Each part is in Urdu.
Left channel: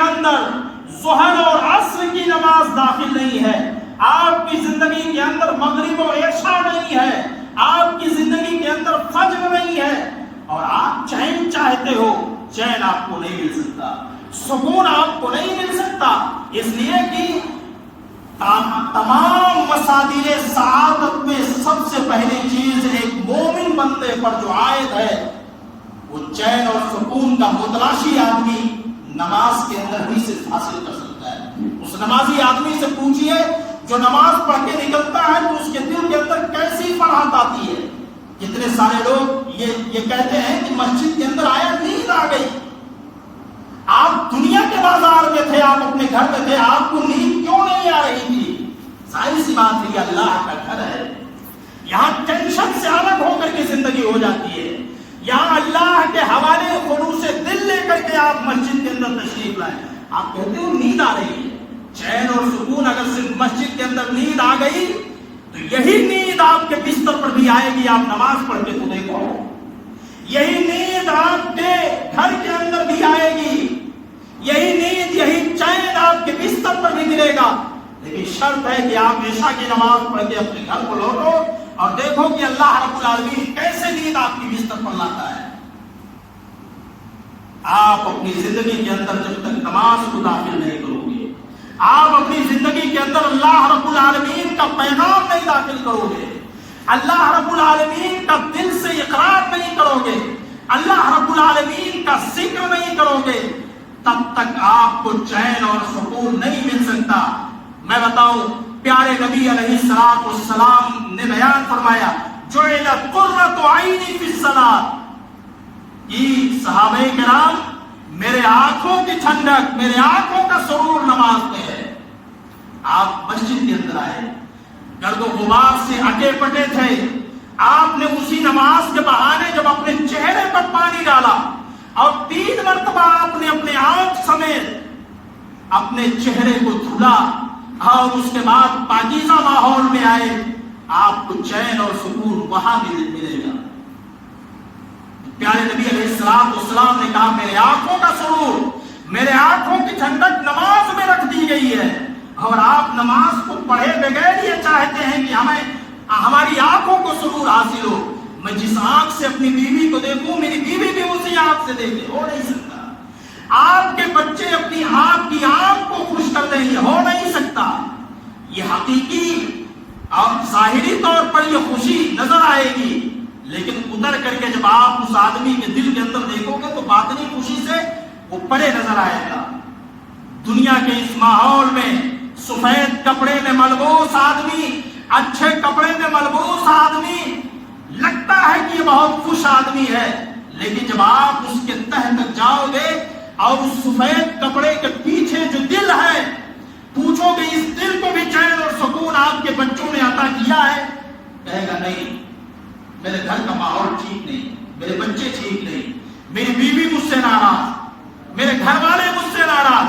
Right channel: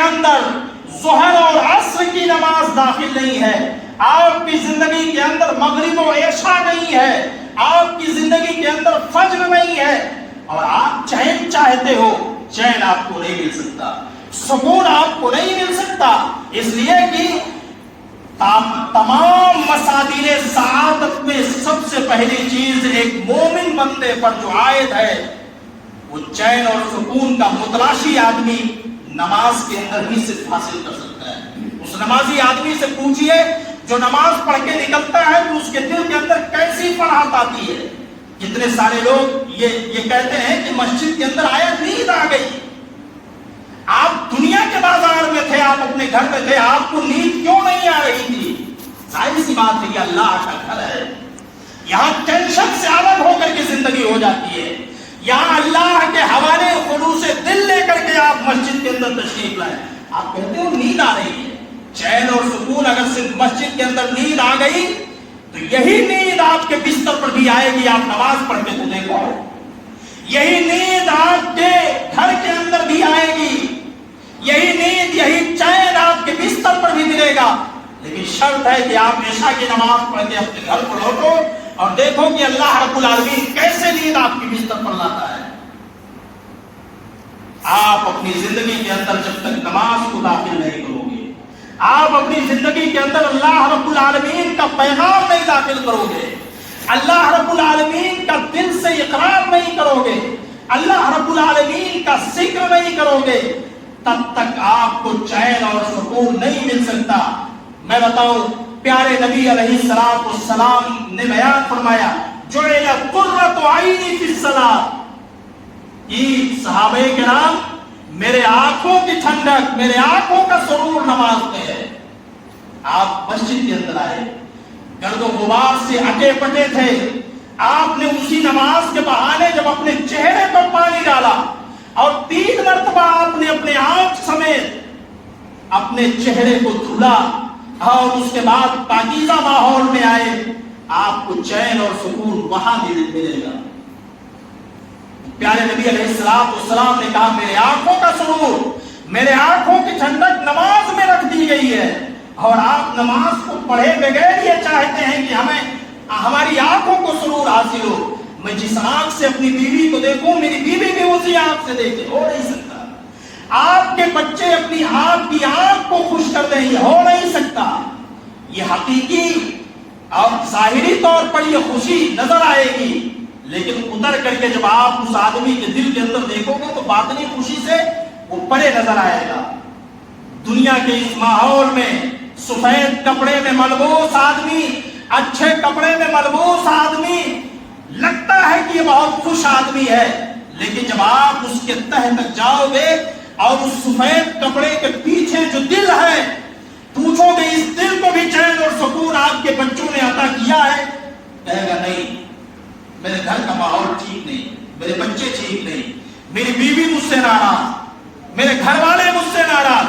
اندر ظہر اور عصر کی نماز داخل نہیں ہے، آپ کی زندگی کے اندر مغرب و عشاء نہیں ہے، آپ کی زندگی کے اندر فجر نہیں ہے، اور آپ چین چاہتے ہو، چین آپ کو نہیں مل سکتا، سکون آپ کو نہیں مل سکتا، اس لیے کہ تمام مصادر سعادت میں سب سے پہلی چیز ایک مومن بندے پر جو عائد ہے وہ چین اور سکون کا متلاشی آدمی نماز کے اندر ہی صرف حاصل کر سکتا ہے۔ اس نمازی آدمی سے پوچھئے جو نماز پڑھ کے نکلتا ہے تو اس کے دل کے اندر کیسی فرحت آتی ہے۔ کتنے سارے لوگ یہ کہتے ہیں کہ مسجد کے اندر آئے نیند آ گئی۔ آپ دنیا کے بازار میں تھے، آپ اپنے گھر میں تھے، آپ کو نیند کیوں نہیں آ رہی تھی؟ ظاہر سی بات ہے کہ اللہ کا گھر ہے، یہاں ٹینشن سے الگ ہو کر کے زندگی ہو جاتی ہے، یہاں اللہ کے حوالے خلوص دل لے کر کے آپ مسجد کے اندر تشریف لائیں، آپ کہتے ہو نیند آ رہی ہے۔ چین اور سکون اگر صرف مسجد کے اندر نیند آ گئی تو یہی نیند آپ کے بستر پر بھی آئے گی، آپ نماز پڑھ کے تو دیکھو، یہی نیند آپ کے گھر کے اندر بھی آئے گی، یہی نیند یہی چین آپ کے بستر پر بھی ملے گا، لیکن شرط ہے کہ آپ عشاء کی نماز پڑھ کے اپنے گھر پر لوٹو اور دیکھو کہ اللہ رب العالمین کیسے نیند آپ کی بستر پر لاتا ہے۔ آپ اپنی زندگی کے اندر جب تک نماز کو داخل نہیں کرو گے، آپ اپنی زندگی کے اندر اللہ رب العالمین کا پیغام نہیں داخل کرو گے، اللہ رب العالمین کا دل سے اقرار نہیں کرو گے، اللہ رب العالمین کا ذکر نہیں کرو گے، تب تک آپ کو چین اور سکون نہیں مل سکتا۔ میں بتاؤں، پیارے نبی علیہ السلام نے بیان فرمایا جعلت قرۃ عینی فی الصلاۃ، کہ صحابہ کرام میرے آنکھوں کی ٹھنڈک، میرے آنکھوں کا سرور نماز میں ہے۔ آپ مسجد کے اندر آئے، گرد و غبار سے اٹے پٹے تھے، آپ نے اسی نماز کے بہانے جب اپنے چہرے پر پانی ڈالا اور 3 مرتبہ آپ نے اپنے آنکھ سمیت اپنے چہرے کو دھلا اور اس کے بعد پاکیزہ ماحول میں آئے، آپ کو چین اور سکون وہاں بھی ملے گا۔ پیارے نبی علیہ السلام نے کہا میرے آنکھوں کا سرور، میرے آنکھوں کی ٹھنڈک نماز میں رکھ دی گئی ہے، اور آپ نماز کو پڑھے بغیر یہ چاہتے ہیں کہ ہماری آنکھوں کو سرور حاصل ہو۔ میں جس آنکھ سے اپنی بیوی کو دیکھوں، میری بیوی بھی اسی آنکھ سے دیکھے، ہو نہیں سکتا۔ آپ کے بچے اپنی آپ کی آنکھ کو خوش کر دیں، یہ ہو نہیں سکتا۔ یہ حقیقی اور ظاہری طور پر یہ خوشی نظر آئے گی، لیکن اتر کر کے جب آپ اس آدمی کے دل کے اندر دیکھو گے تو باطنی خوشی سے وہ پرے نظر آئے گا۔ دنیا کے اس ماحول میں سفید کپڑے میں ملبوس آدمی، اچھے کپڑے میں ملبوس آدمی لگتا ہے کہ یہ بہت خوش آدمی ہے، لیکن جب آپ اس کے تہ تک جاؤ گے اور اس سفید کپڑے کے پیچھے جو دل ہے پوچھو گے اس دل کو بھی چین اور سکون آپ کے بچوں نے عطا کیا ہے، کہے گا نہیں، میرے گھر کا ماحول ٹھیک نہیں، میرے بچے ٹھیک نہیں، میری بیوی مجھ سے ناراض، میرے گھر والے مجھ سے ناراض۔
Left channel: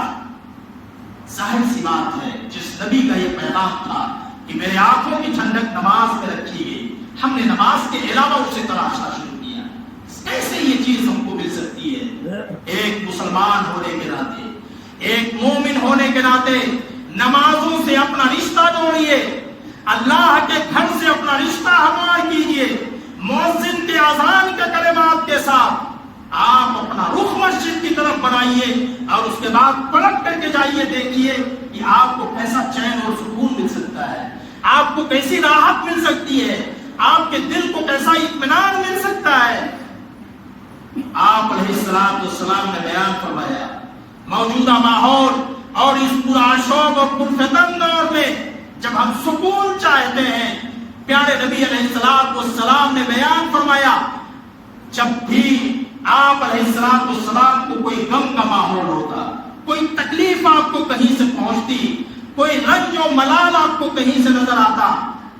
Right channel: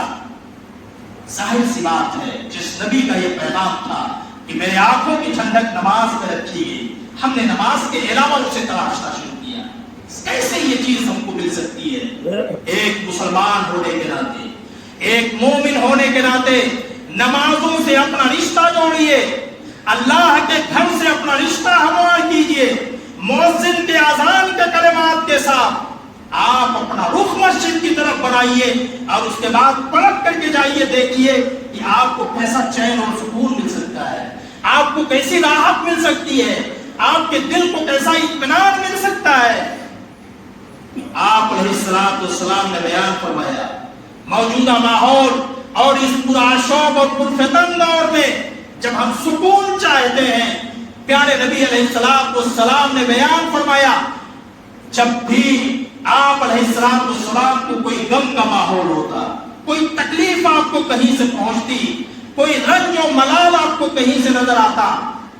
ظاہر سی بات ہے جس نبی کا یہ پیغام تھا کہ میرے آنکھوں کی ٹھنڈک نماز میں رکھی گئی، ہم نے نماز کے علاوہ اسے تلاشنا شروع کیا، کیسے یہ چیز ہم کو مل سکتی ہے؟ ایک مسلمان ہونے کے ناطے، ایک مومن ہونے کے ناطے نمازوں سے اپنا رشتہ جوڑیے، اللہ کے گھر سے اپنا رشتہ ہموار کیجئے، مؤذن کے اذان کے کلمات کے ساتھ آپ اپنا رخ مسجد کی طرف بنائیے اور اس کے بعد پلٹ کر کے جائیے، دیکھیے کہ آپ کو کیسا چین اور سکون مل سکتا ہے، آپ کو کیسی راحت مل سکتی ہے، آپ کے دل کو کیسا اطمینان مل سکتا ہے۔ آپ علیہ السلام نے بیان فرمایا موجودہ ماحول اور اس پرآشوب اور پرفتن دور میں جب ہم سکون چاہتے ہیں، پیارے نبی علیہ السلام نے بیان فرمایا جب بھی آپ علیہ السلام کو کوئی غم کا ماحول ہوتا، کوئی تکلیف آپ کو کہیں سے پہنچتی، کوئی رنج و ملال آپ کو کہیں سے نظر آتا،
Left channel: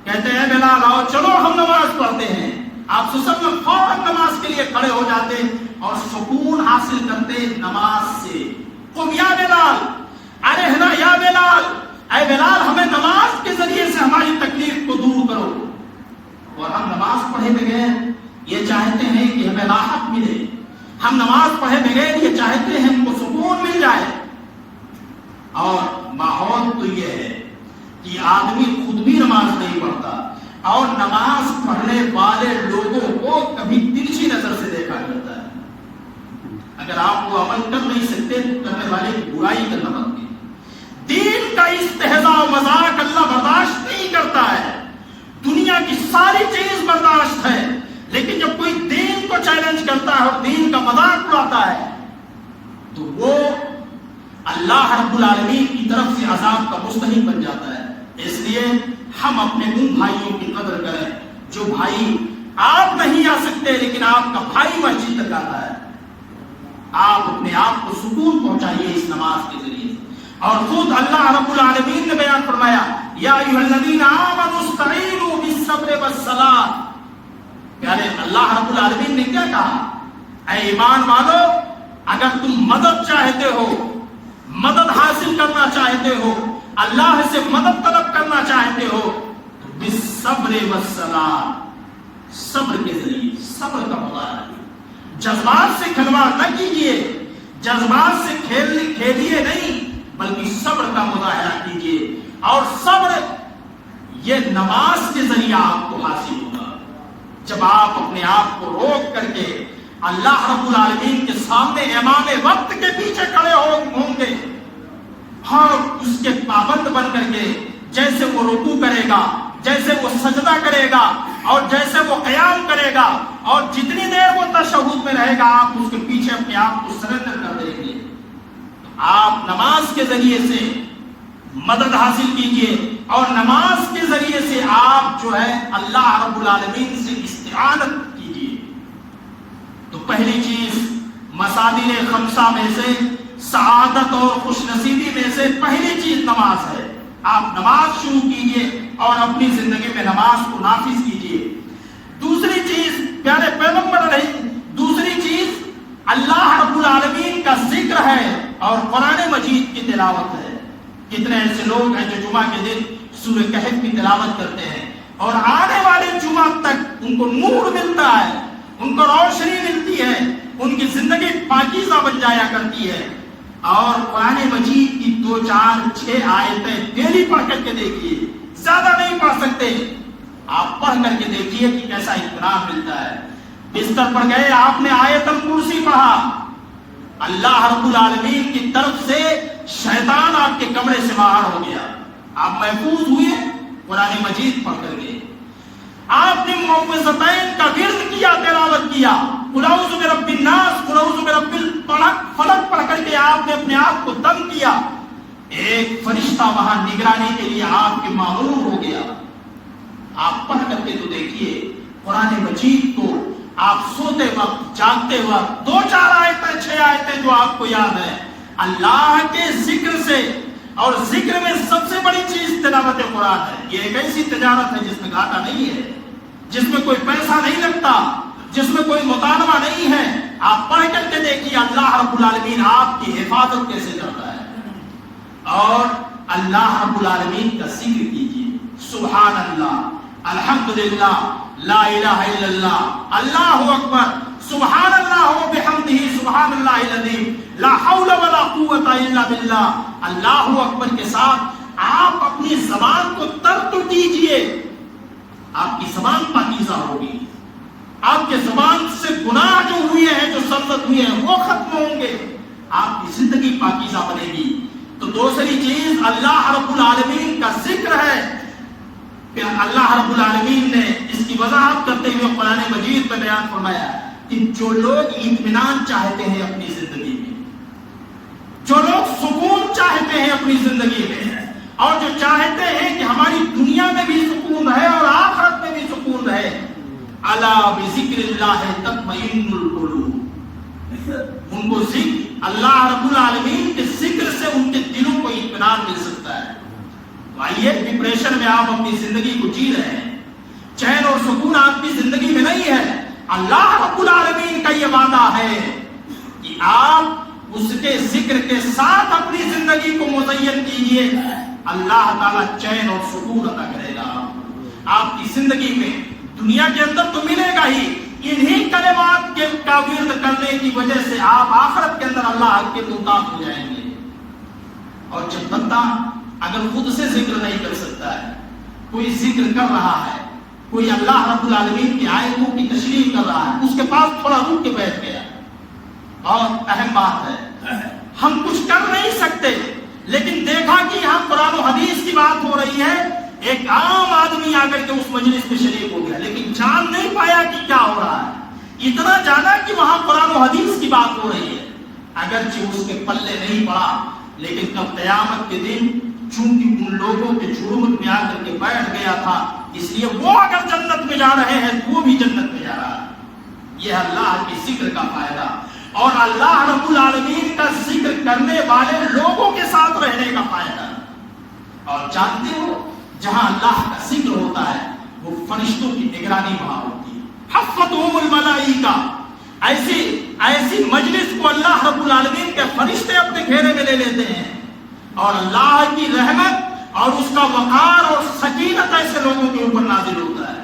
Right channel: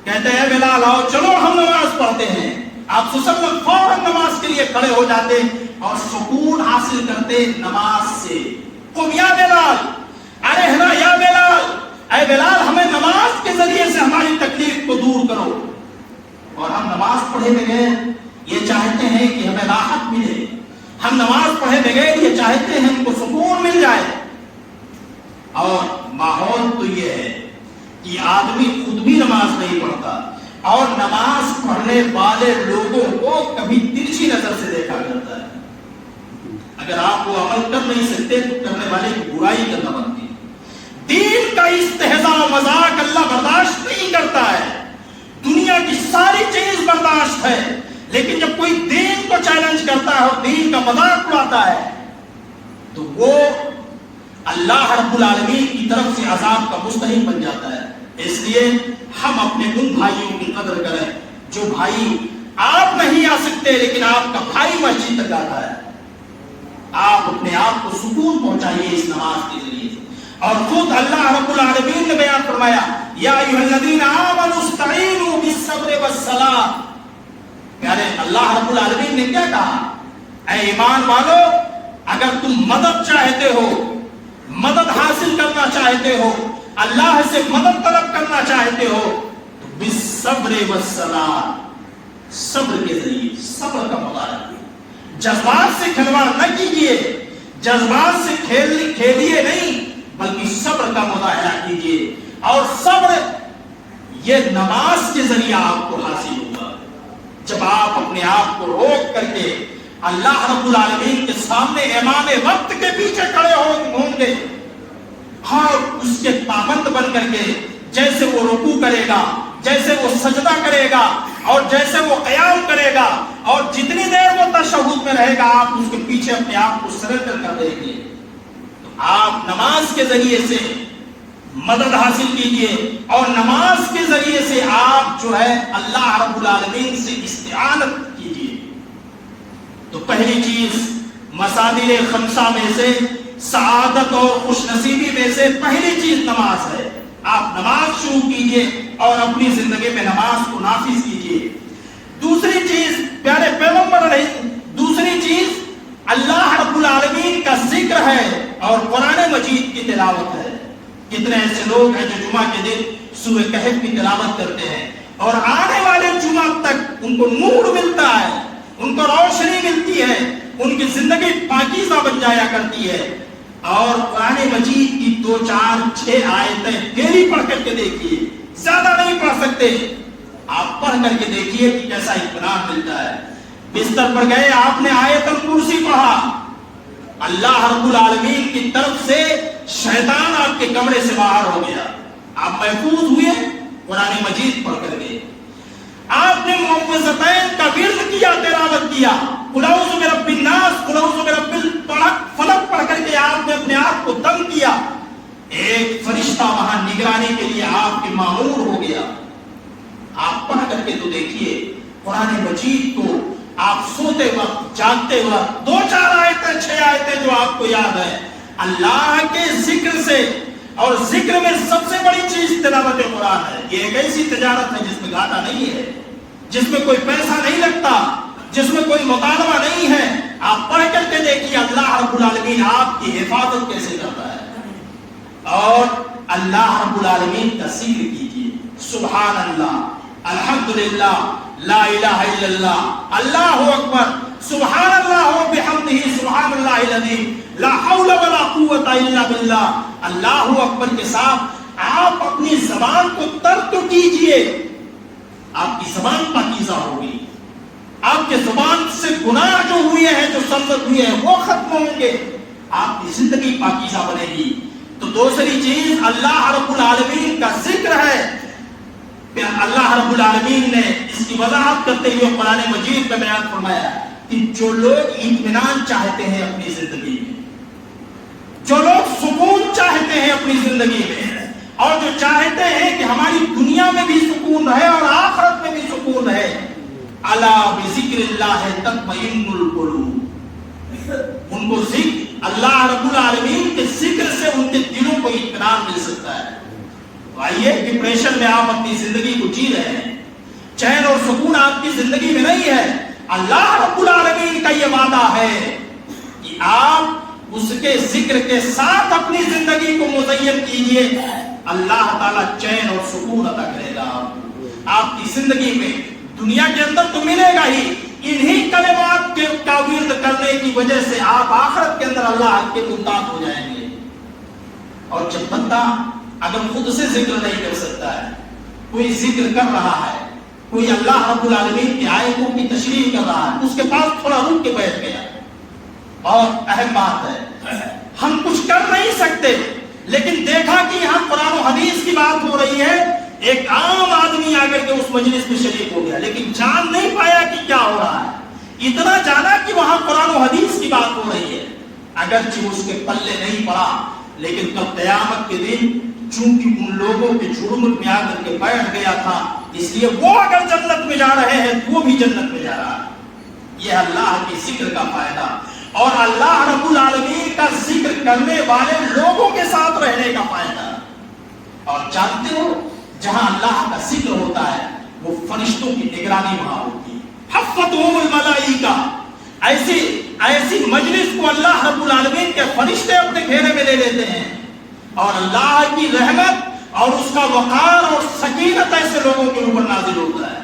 کہتے ہیں بلال آؤ چلو ہم نماز پڑھتے ہیں، آپ وسلم فوراً نماز کے لیے کھڑے ہو جاتے اور سکون حاصل کرتے نماز سے۔ قم یا بلال، ارحنا یا بلال، اے بلال ہمیں نماز کے ذریعے سے ہماری تکلیف کو دور کرو۔ اور ہم نماز پڑھے بغیر یہ چاہتے ہیں کہ ہمیں راحت ملے، ہم نماز پڑھے بغیر یہ چاہتے ہیں ہم کو سکون مل جائے، اور ماحول تو یہ ہے کہ آدمی خود بھی نماز نہیں پڑھتا اور نماز پڑھنے والے لوگوں کو کبھی ترچھی نظر سے دیکھا کرتا ہے. اگر آپ وہ عمل کر نہیں سکتے تو کرنے والے کی برائی کرنا بنتی. دین کا استہزاء و مذاق اللہ برداشت نہیں کرتا ہے. دنیا کی ساری چیز برداشت ہے، لیکن جب کوئی دین کو چیلنج کرتا ہے اور دین کا مذاق اڑاتا ہے تو وہ اللہ رب العالمین کی طرف سے عذاب کا مستحق بن جاتا ہے. اس لیے ہم اپنے ان بھائیوں کی قدر کریں جو بھائی آپ نہیں آ سکتے لیکن آپ کا بھائی مسجد تک آتا ہے. آپ اپنے آپ کو سکون پہنچائیے اس نماز کے ذریعے. اور خود اللہ رب العالمین نے بیان فرمایا یا ایھا الذین آمنوا استعینوا بالصبر والصلاۃ. پیارے اللہ رب العالمین نے کیا کہا؟ اے ایمان والو، اگر تم مدد چاہتے ہو، مدد حاصل کرنا چاہتے ہو، اللہ سے مدد طلب کرنا چاہتے ہو تو بالصبر والصلاۃ، صبر کے ذریعے. صبر کا مظاہرہ، جذبات سے کھلواڑ نہ کیجیے، جذبات سے کھیلیے نہیں بلکہ صبر کا مظاہرہ کیجیے. اور صبر یہ نماز کے ذریعے آپ کو حاصل ہوگا. جب آپ اپنے آپ کو روک کر کے اللہ رب العالمین کے سامنے امام وقت کے پیچھے کھڑے ہوں گے اور اس کے پابند بن کر کے جیسے وہ رکوع کرے گا، جیسے وہ سجدہ کرے گا اور جیسے وہ قیام کرے گا اور جتنی دیر وہ تشہد میں رہے گا آپ اس کے پیچھے اپنے آپ کو سرنڈر کر دیں گے. تو آپ نماز کے ذریعے سے مدد حاصل کیجئے اور نماز کے ذریعے سے آپ جو ہے اللہ رب العالمین سے استعانت کیجئے. تو پہلی چیز مصادر خمسہ میں سے، سعادت اور خوش نصیبی میں سے پہلی چیز نماز ہے. آپ نماز شروع کیجئے اور اپنی زندگی میں نماز کو نافذ کیجئے. دوسری چیز پیارے پیغمبر علیہ، دوسری چیز اللہ رب العالمین کا ذکر ہے اور قرآن مجید کی تلاوت ہے. کتنے ایسے لوگ ہیں جو جمعہ کے دن سورہ کہف کی تلاوت کرتے ہیں اور آنے والے جمعہ تک ان کو نور ملتا ہے، ان کو روشنی ملتی ہے، ان کی زندگی پاکیزہ بن جایا کرتی ہے. اور قرآن مجید کی 2 4 6 آیتیں ڈیلی پڑھ کر کے دیکھیے، زیادہ نہیں پڑھ سکتے، آپ پڑھ کر کے دیکھیے کہ کیسا اطمینان ملتا ہے. بستر پر گئے، آپ نے آیت الکرسی پڑھا، اللہ رب العالمین کی طرف سے شیطان آپ کے کمرے سے باہر ہو گیا، آپ محفوظ ہوئے قرآن مجید پڑھ کر کے. آپ نے معوذتین کا ورد کیا، تلاوت کیا، قل اعوذ برب الناس، قل اعوذ برب الفلق پڑھ کر کے آپ نے اپنے آپ کو دم کیا. ایک فرشتہ وہاں نگرانی کے لیے آپ کے مامور ہو گیا. آپ پڑھ کر کے تو دیکھیے قرآن مجید کو. آپ سوتے وقت، جاگتے وقت 2 4 آیتیں 6 آیتیں جو آپ کو یاد ہے، اللہ کے ذکر سے. اور ذکر میں سب سے بڑی چیز تلاوت قرآن ہے. یہ ایک ایسی تجارت ہے جس میں گھاٹا نہیں ہے، جس میں کوئی پیسہ نہیں لگتا، جس میں کوئی مطالبہ نہیں ہے. آپ پڑھ کر کے دیکھیے اللہ رب العالمین آپ کی حفاظت کیسے کرتا ہے. اور اللہ رب العالمین کا ذکر کیجیے، سبحان اللہ، الحمدللہ، لا الہ الا اللہ، اللہ اکبر، سبحان اللہ و بحمدہ، سبحان اللہ العظیم، لا حول ولا قوت الا باللہ. اللہ اکبر کے ساتھ آپ اپنی زبان کو تر تو کیجئے، آپ کی زبان پاکیزہ ہوگی، آپ کے زبان سے گناہ جو ہوئے ہیں، جو سرزد ہوئے ہیں وہ ختم ہوں گے، آپ کی زندگی پاکیزہ بنے گی. تو دوسری چیز اللہ رب العالمین کا ذکر ہے. اللہ رب العالمین نے اس کی وضاحت کرتے ہوئے قرآن مجید میں بیان فرمایا کہ جو لوگ اطمینان چاہتے ہیں اپنی زندگی میں، جو لوگ سکون چاہتے ہیں اپنی زندگی میں، اور جو چاہتے ہیں کہ ہماری دنیا میں بھی سکون رہے اور آخرت میں بھی سکون رہے، الا بذکر اللہ تطمئن القلوب، ان کو ذکر اللہ رب العالمین کے ذکر سے ان کے دلوں کو اطمینان مل سکتا ہے. تو آئیے، ڈپریشن میں آپ اپنی زندگی کو جی رہے ہیں، چین اور سکون آپ کی زندگی میں نہیں ہے. اللہ رب العالمین کا یہ وعدہ ہے کہ آپ اس کے ذکر کے ساتھ اپنی زندگی کو مزین کیجئے، اللہ تعالیٰ چین اور سکون عطا کرے گا آپ کی زندگی میں. دنیا کے اندر تو ملے گا ہی، انہی کلمات کے کا ورد کرنے کی وجہ سے آپ آخرت کے اندر اللہ کے محتاج ہو جائیں گے. اور جب بندہ اگر خود سے ذکر نہیں کر سکتا ہے، کوئی ذکر کر رہا ہے، کوئی اللہ رب العالمین کی آیتوں کی تشریح کر رہا ہے، اس کے پاس تھوڑا رک کے بیٹھ گیا، بہت اہم بات ہے۔ ہم کچھ کر نہیں سکتے، لیکن دیکھا کہ یہاں قرآن و حدیث کی بات ہو رہی ہے، ایک عام آدمی آ کر کے اس مجلس میں شریک ہو گیا، لیکن جان نہیں پایا کہ کیا ہو رہا ہے۔ اتنا جانا کہ وہاں قرآن و حدیث کی بات ہو رہی ہے، اگرچہ اس کے پلے نہیں پڑا، لیکن کل قیامت کے دن چونکہ ان لوگوں کے جرمت میں آ کر کے بیٹھ گیا تھا، اس لیے وہ اگر جنت میں جا رہے ہیں تو وہ بھی جنت میں جا رہا ہے۔ یہ اللہ کے ذکر کا فائدہ اور اللہ رب العالمین کا ذکر کرنے والے لوگوں کے ساتھ رہنے کا فائدہ۔ اور جانتے ہو جہاں اللہ کا ذکر ہوتا ہے وہ فرشتوں کی نگرانی وہاں ہوتی ہے، حفتہم الملائکہ، ایسی مجلس کو اللہ رب العالمین کے فرشتے اپنے گھیرے میں لے لیتے ہیں، اور اللہ کی رحمت اور اس کا وقار اور سکینت ایسے لوگوں کے اوپر نازل ہوتا ہے۔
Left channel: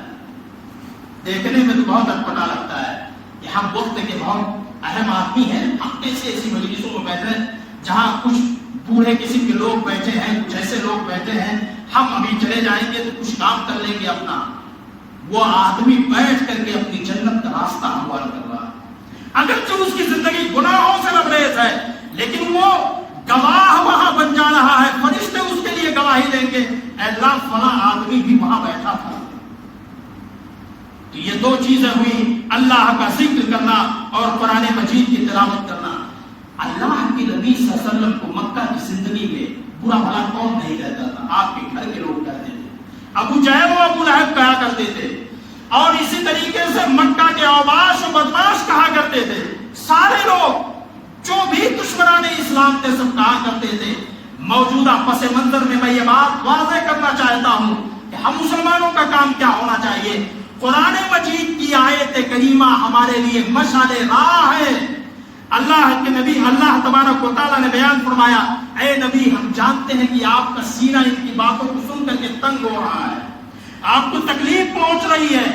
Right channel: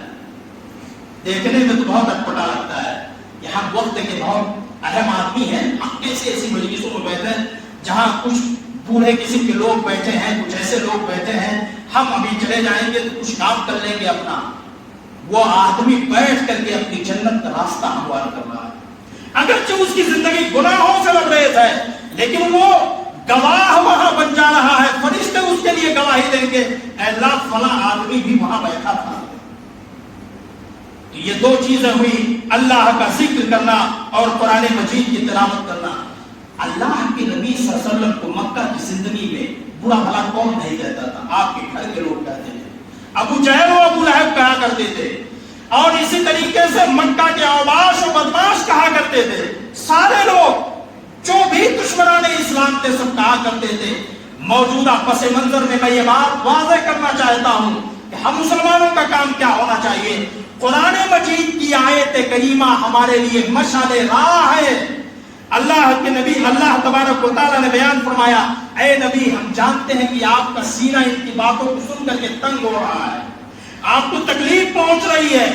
دیکھنے میں تو بہت اٹپٹا لگتا ہے کہ ہم وقت کے بہت اہم آدمی ہیں، ہم کیسے ایسی مجلسوں میں بیٹھے ہیں جہاں کچھ بوڑھے قسم کے لوگ بیٹھے ہیں، کچھ ایسے لوگ بیٹھے ہیں، ہم ابھی چلے جائیں گے تو کچھ کام کر لیں گے اپنا۔ وہ آدمی بیٹھ کر کے اپنی جنت کا راستہ ہموار کر رہا ہے، اگرچہ اس کی زندگی گناہوں سے لبریز ہے، لیکن وہ گواہ وہاں بن جا رہا ہے، فرشتے اس کے لیے گواہی دیں گے، اے اللہ فلاں آدمی بھی وہاں بیٹھا تھا۔ تو یہ دو چیزیں ہوئی، اللہ کا ذکر کرنا اور قرآن مجید کی تلاوت کرنا۔ اللہ کے نبی صلی اللہ علیہ وسلم کو مکہ کی زندگی میں برا بھلا کون نہیں کہتا تھا؟ آپ کے گھر کے لوگ کہتے تھے، ابو جہل و ابو لہب کہا کرتے تھے، اور اسی طریقے سے مکہ کے اوباش و بدماش کہا کرتے تھے، سارے لوگ جو بھی دشمنان اسلام تھے سب کہا کرتے تھے۔ موجودہ پس منظر میں میں یہ بات واضح کرنا چاہتا ہوں کہ ہم مسلمانوں کا کام کیا ہونا چاہیے۔ قرآن مجید کی آیت کریمہ ہمارے لیے مشعل راہ ہے۔ اللہ کے نبی اللہ تبارک و تعالیٰ نے بیان فرمایا، اے نبی ہم جانتے ہیں کہ آپ کا سینہ ان کی باتوں کو سن کر کے تنگ ہو رہا ہے، آپ کو تکلیف پہنچ رہی ہے۔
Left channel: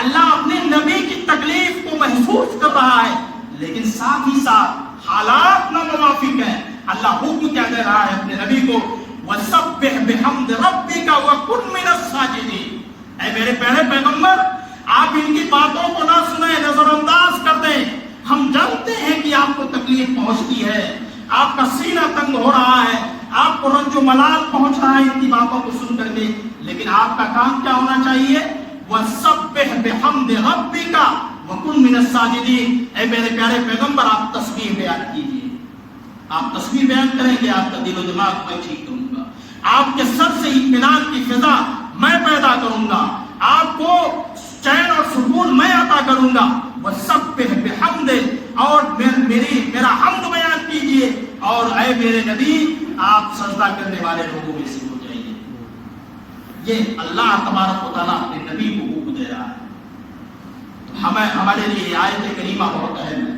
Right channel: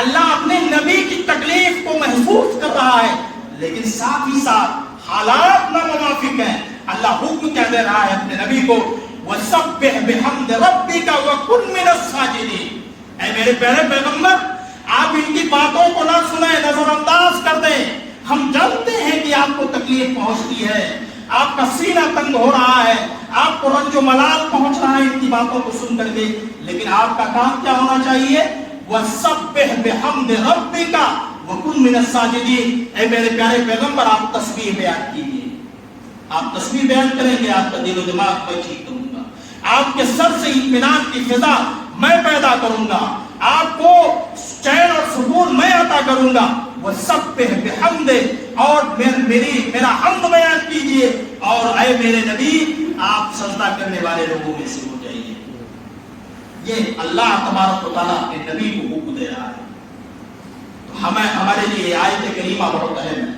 اللہ اپنے نبی کی تکلیف کو محسوس کر رہا ہے، لیکن ساتھ ہی ساتھ حالات ناموافق ہیں۔ اللہ حکم کیا دے رہا ہے اپنے نبی کو، وَسَبِّحْ بِحَمْدِ رَبِّكَ وَكُن مِّنَ السَّاجِدِينَ۔ اے میرے پیارے پیغمبر، آپ ان کی باتوں کو نہ سنیں، نظر انداز کر دیں۔ ہم جانتے ہیں کہ آپ کو تکلیف پہنچتی ہے، آپ کا سینہ تنگ ہو رہا ہے، آپ کو رنج و ملال پہنچ رہا ہے ان کی باتوں کو سن کر کے، لیکن آپ کا کام کیا ہونا چاہیے؟ وَسَبِّحْ بِحَمْدِ رَبِّكَ وَكُن مِّنَ السَّاجِدِينَ۔ اے میرے پیارے پیغمبر آپ تسبیح بیان کیجیے، آپ تسبیح بیان کریں گے، آپ کا دل و دماغ میں ٹھیک کروں گا، آپ کے سر سے اطمینان کی فضا میں پیدا کروں گا، آپ کو چین اور سکون میں عطا کروں گا۔ وَسَبِّحْ بِحَمْدِ، اور میرا حمد بیان کیجئے، اور اے میرے نبی آپ سجدہ کرنے والے لوگوں میں سے ہو جائیے۔ یہ اللہ تبارک و تعالیٰ اپنے نبی کو حکم دے رہا ہے۔ تو ہمارے لیے آیت کریمہ بہت اہم ہے،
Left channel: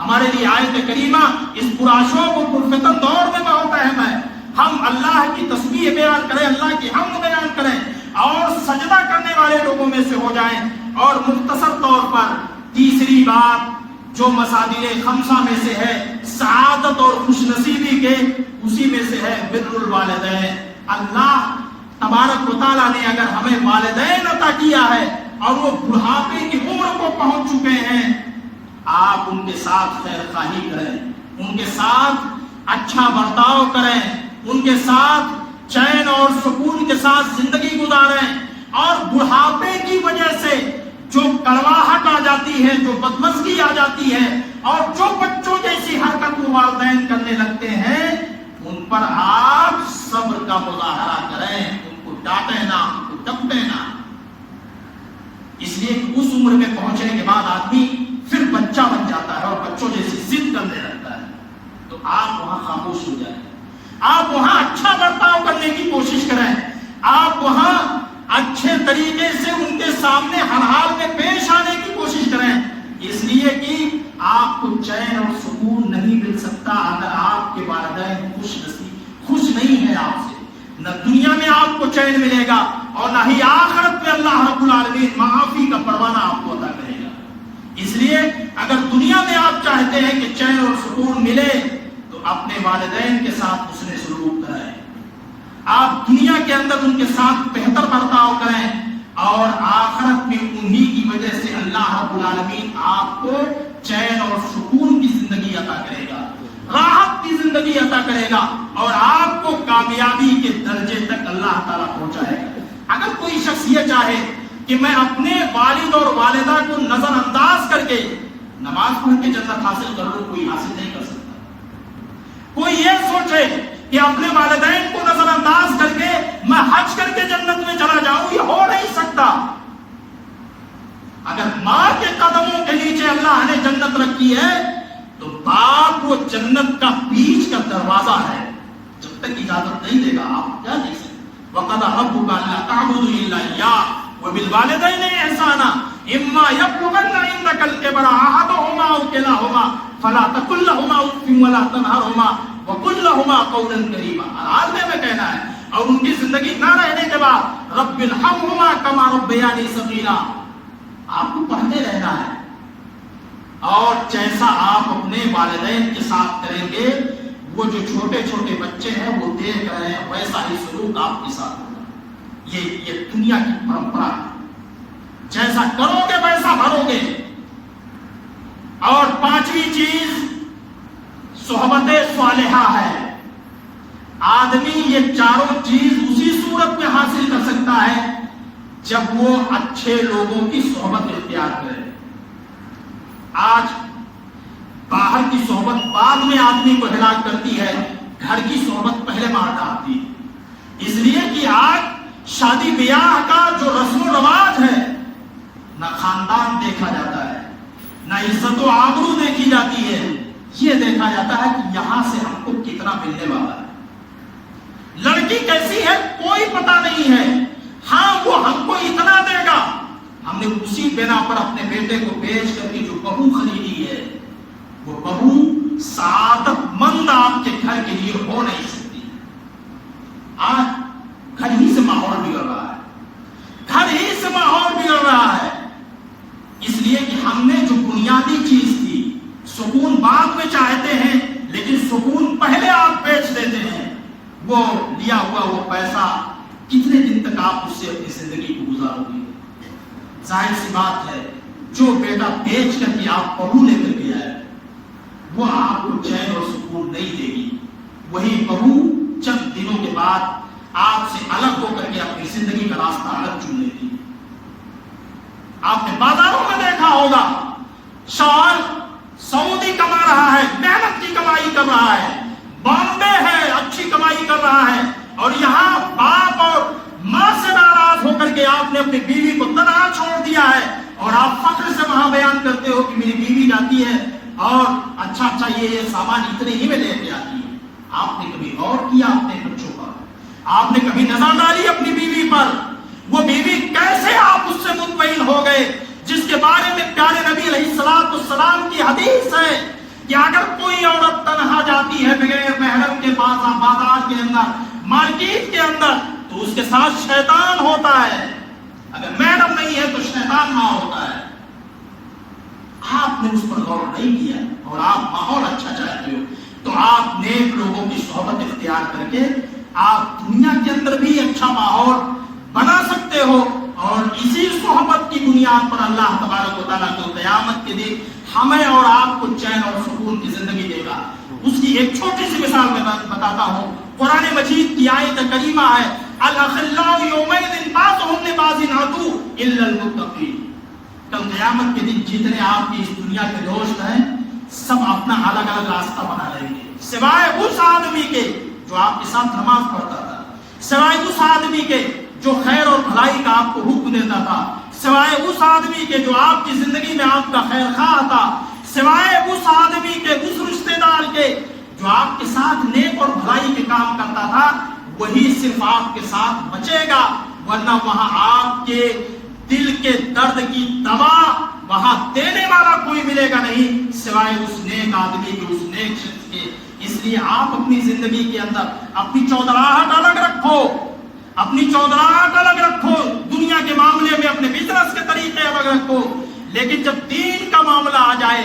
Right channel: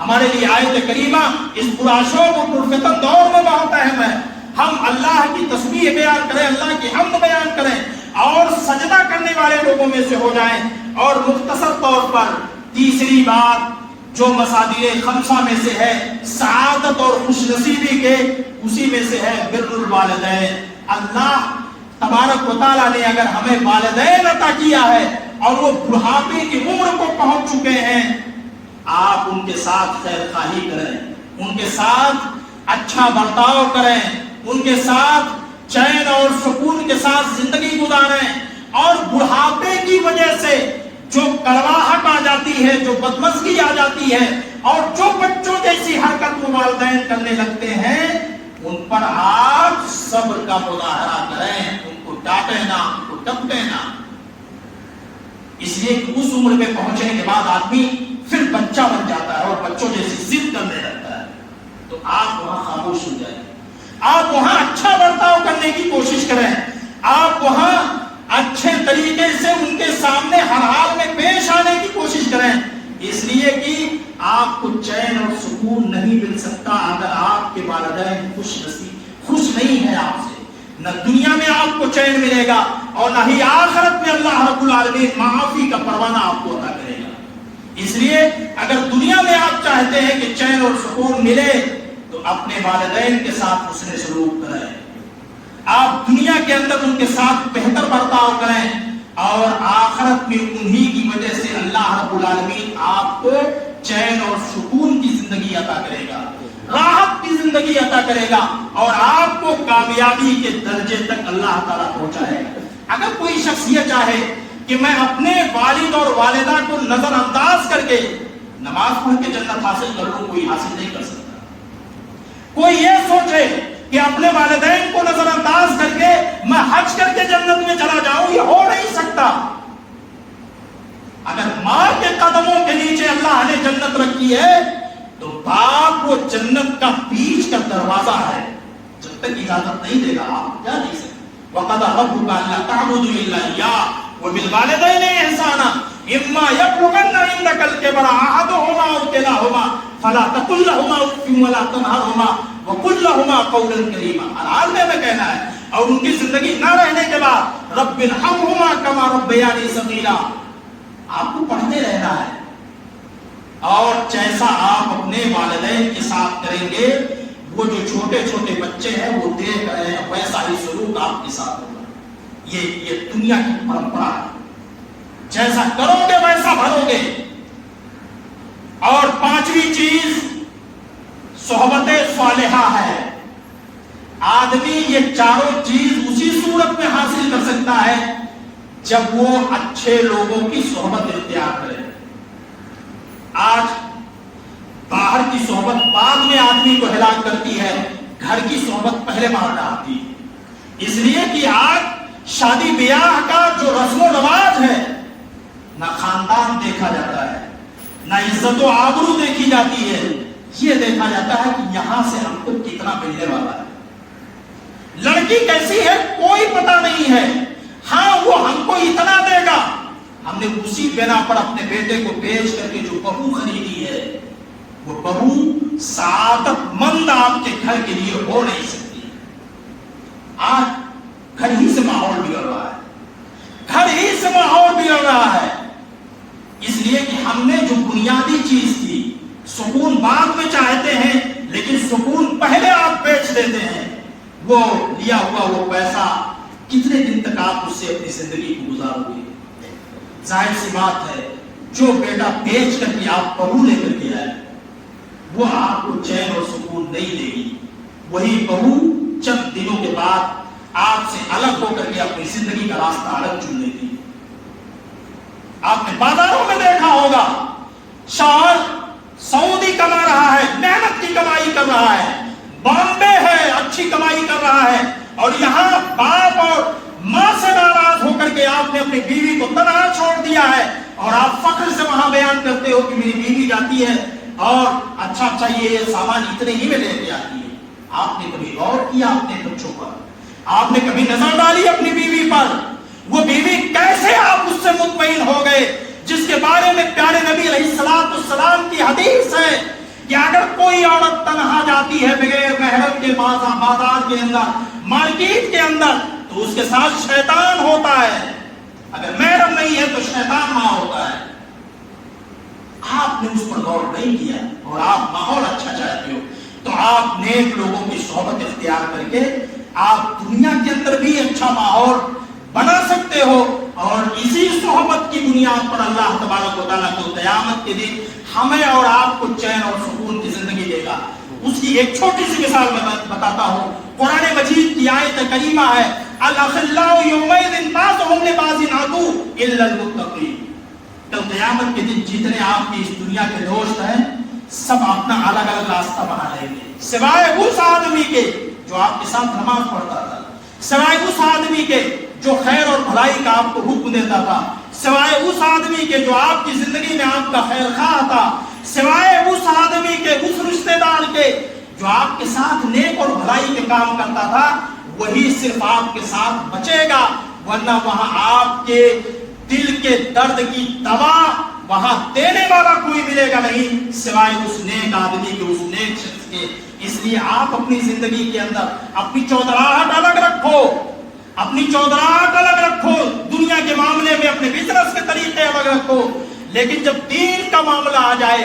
ہمارے لیے آیت کریمہ اس پرآشوب و پرفتن دور میں بہت اہم ہے۔ ہم اللہ کی تسبیح بیان کریں، اللہ کی حمد بیان کریں، اور سجدہ کرنے والے لوگوں میں سے ہو جائیں۔ اور مختصر طور پر تیسری بات جو مصادر خمسہ میں سے ہے، سعادت اور خوش نصیبی کے، اسی میں سے ہے بر الوالدین۔ اللہ تبارک و تعالیٰ نے اگر ہمیں والدین عطا کیا ہے اور وہ بڑھاپے کی عمر کو پہنچ چکے ہیں، آپ ان کے ساتھ خیر خواہی کریں، ان کے ساتھ اچھا برتاؤ کریں، ان کے ساتھ چین اور سکون کے ساتھ زندگی گزاریں، اور بڑھاپے کی وجہ سے جو کڑواہٹ آ جاتی ہے، جو بدمزگی آ جاتی ہے، اور جو بچوں جیسی حرکت والدین کرنے لگتے ہیں، ان پر آپ صبر کا مظاہرہ کریں، ان کو ڈانٹیں نہ، ان کو ڈپٹیں نہ۔ اس لیے کہ اس عمر میں پہنچنے کے بعد آدمی پھر بچہ بن جاتا ہے اور بچوں جیسی ضد کرنے لگتا ہے۔ تو آپ وہاں خاموش ہو جائیں، آپ وہاں اچھا برتاؤ کرنے کی کوشش کریں، آپ وہاں اچھے طریقے سے ان کے سامنے ہر حال میں پیش آنے کی کوشش کریں، اس لیے کہ آپ کو چین اور سکون نہیں مل سکتا اگر آپ کے والدین خوش نہیں ہے آپ سے۔ نہ دنیا میں آپ کو چین ملے گا، اور نہ ہی آخرت میں اللہ رب العالمین معافی کا پروانہ آپ کو عطا کرے گا۔ اس لیے اگر دنیا میں آپ چاہتے ہیں کہ چین اور سکون ملے، تو اپنے والدین کے ساتھ حسن سلوک کریں، آپ دنیا کے اندر ان کے ساتھ بہتر برتاؤ کریں، اور آخرت میں انہی کی وجہ سے اللہ رب العالمین آپ کو چین اور سکون کی زندگی عطا کرے گا، راحت کی زندگی عطا کرے گا، اور آپ کو کامیابی کے درجے تک اللہ تعالیٰ پہنچائے گا۔ اگر کوئی شخص یہ چاہے کہ میں اپنے والد اور والدہ کو نظر انداز کر کے نماز پڑھ کے جنت حاصل کر لوں، کوئی حاصل نہیں کر سکتا۔ کوئی یہ سوچے کہ اپنے والدین کو نظر انداز کر کے میں حج کر کے جنت میں چلا جاؤں، یہ ہو نہیں سکتا۔ اگر ماں کے قدموں کے نیچے اللہ نے جنت رکھی ہے تو باپ وہ جنت کا بیچ کا دروازہ ہے، جب تک اجازت نہیں دے گا آپ جا نہیں سکتے۔ وَقَضَىٰ رَبُّكَ أَلَّا تَعْبُدُوا إِلَّا إِيَّاهُ وَبِالْوَالِدَيْنِ إِحْسَانًا إِمَّا يَبْلُغَنَّ عِندَكَ الْكِبَرَ أَحَدُهُمَا أَوْ كِلَاهُمَا فَلَا تَقُل لَّهُمَا أُفٍّ وَلَا تَنْهَرْهُمَا وَقُل لَّهُمَا قَوْلًا كَرِيمًا۔ العالم میں کہنا ہے، اور ان کی زندگی نہ رہنے کے بعد رَبِّ ارْحَمْهُمَا كَمَا رَبَّيَانِي صَغِيرًا، آپ کو پڑھتے رہنا ہے، اور جیسا آپ اپنے والدین کے ساتھ کریں گے، وہ جو چھوٹے چھوٹے بچے ہیں وہ دیکھ رہے ہیں، ویسا ہی سلوک آپ کے ساتھ ہوگا۔ یہ دنیا کی پرمپرا ہے، جیسا کرو گے ویسا بھرو گے۔ اور پانچویں چیز صحبت صالحہ ہے۔ آدمی یہ چاروں چیز اسی صورت میں حاصل کر سکتا ہے جب وہ اچھے لوگوں کی صحبت اختیار کرے۔ آج باہر کی صحبت بعد میں آدمی کو ہلاک کرتی ہے، گھر کی صحبت پہلے مار ڈالتی ہے۔ اس لیے کہ آج شادی بیاہ کا جو رسم و رواج ہے، نہ خاندان دیکھا جاتا ہے، نہ عزت و آبرو دیکھی جاتی ہے، یہ دیکھا جاتا ہے کہ یہاں سے ہم کو کتنا ملنے والا ہے، لڑکی کیسی ہے کوئی پتہ نہیں ہے، ہاں وہ ہم کو اتنا دے گا۔ ہم نے اسی بنا پر اپنے بیٹے کو بیچ کر کے جو بہو خریدی ہے، وہ بہو سعادت مند آپ کے گھر کے لیے ہو نہیں سکتی۔ آج گھر ہی سے ماحول بگڑ رہا ہے، گھر ہی سے ماحول بگڑ رہا ہے، اس لیے کہ ہم نے جو بنیادی چیز تھی، سکون بعد میں چاہتے ہیں، لیکن سکون پہلے آپ بیچ دیتے ہیں۔ وہ لیا ہوا وہ پیسہ کتنے دن تک آپ اس سے اپنی زندگی کو گزارو گے؟ ظاہر سی بات ہے، جو بیٹا بیچ کر کے آپ بہو لے کر کے آئے، وہ آپ کو چین اور سکون نہیں دے گی۔ وہی بہو چند دنوں کے بعد آپ سے الگ ہو کر کے اپنی زندگی کا راستہ الگ چن لیتی ہے۔ آپ نے بازاروں میں دیکھا ہوگا، شوہر سعودی کما رہا ہے، محنت کی کمائی کر رہا ہے، بامبے ہے اچھی کمائی کر رہا ہے، اور یہاں باپ اور ماں سے ناراض ہو کر کے آپ نے اپنی بیوی کو تنہا چھوڑ دیا ہے، اور آپ فخر سے وہاں بیان کرتے ہو کہ میری بیوی جاتی ہے اور اچھا یہ سامان اتنے ہی میں لے کے آتی ہے۔ آپ نے کبھی غور کیا اپنے بچوں پر؟ آپ نے کبھی نظر ڈالی اپنی بیوی پر؟ وہ بیوی کیسے آپ اس سے مطمئن ہو گئے، جس کے بارے میں پیارے نبی علیہ السلام کی حدیث ہے کہ اگر کوئی عورت تنہا جاتی ہے بغیر محرم کے بازار کے اندر، مارکیٹ کے اندر، تو اس کے ساتھ شیطان ہوتا ہے، اگر محرم نہیں ہے تو شیطان ماں ہوتا ہے۔ آپ نے اس پر غور نہیں کیا، اور آپ ماحول اچھا چاہتے ہو تو آپ نیک لوگوں کی صحبت اختیار کر کے آپ دنیا کے اندر بھی اچھا ماحول بنا سکتے ہو، اور اسی صحبت کی بنیاد پر اللہ تبارک و تعالیٰ کو قیامت کے دن ہمیں اور آپ کو چین اور سکون کی زندگی دے گا۔ اس کی ایک چھوٹی سی مثال میں بتاتا ہوں، قرآن مجید کی آیت کریمہ ہے، الاخلاء یومئذ بعضهم لبعض عدو الا المتقین۔ کل قیامت کے دن جتنے آپ کی اس دنیا کے دوست ہیں، سب اپنا الگ الگ راستہ بنا لیں گے، سوائے اس آدمی کے جو آپ کے ساتھ نماز پڑھتا تھا، سوائے اس آدمی کے جو خیر اور بھلائی کا آپ کو حکم دیتا تھا، سوائے اس آدمی کے جو آپ کی زندگی میں آپ کا خیر خواہ تھا، سوائے اس آدمی کے، اس رشتہ دار کے جو آپ کے ساتھ نیک اور بھلائی کے کام کرتا تھا، وہی صرف آپ کے ساتھ بچے گا، ورنہ وہاں آپ کے دل کے درد کی دوا وہاں دینے والا کوئی ملے گا نہیں سوائے اس نیک آدمی کے، اس نیک شخص کے۔ اس لیے آپ اپنی زندگی کے اندر اپنی چودراہٹ الگ رکھو، اپنی چودراہٹ الگ رکھو، دنیا کے معاملے میں اپنے بزنس کے طریقے الگ رکھو، لیکن جب دین کا معاملہ آ جائے